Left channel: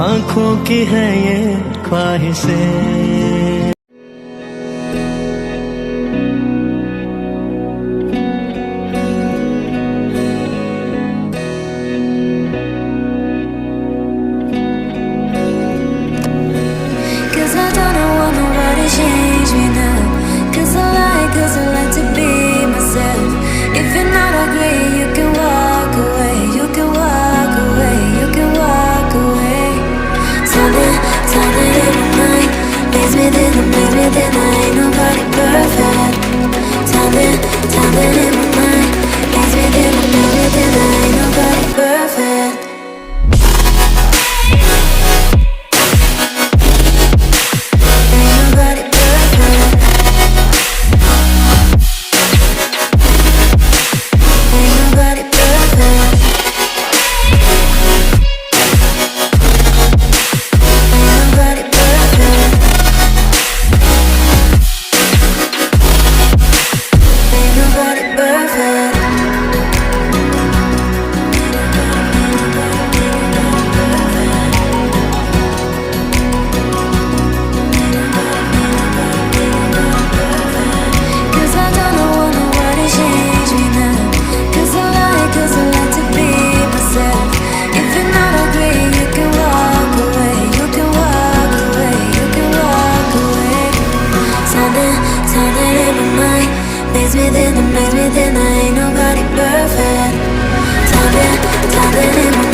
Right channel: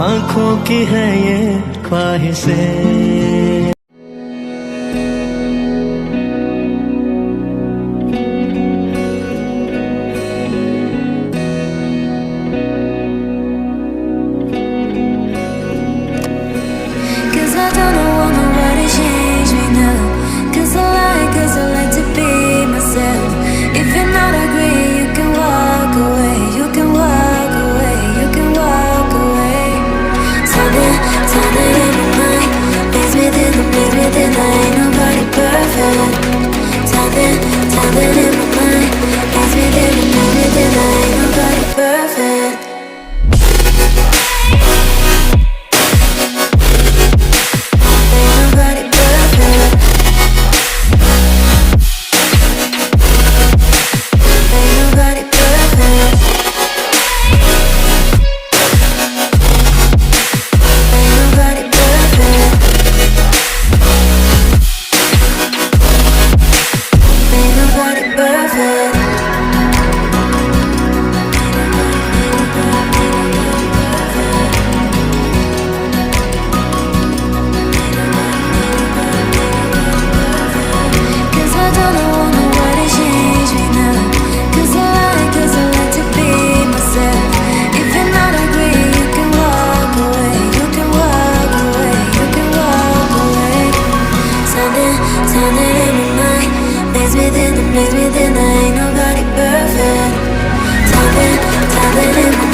आंखों की है ये ख्वाहिशें। Cause I don't know, want nobody change me now. Cause I like to be myself. If you're not agree, you can walk away. You can walk away, you can walk away. Something in my mind makes me think I ain't nobody perfect. Something in my mind makes me think I ain't nobody perfect. Ain't nobody perfect. Ain't nobody perfect. Ain't nobody perfect. Ain't nobody perfect. Cause I don't know, want nobody change me now. Cause I like to be myself. If you're not agree, you can walk away. You can walk away, you can walk away. Something in my mind makes me think I ain't nobody perfect. Something in my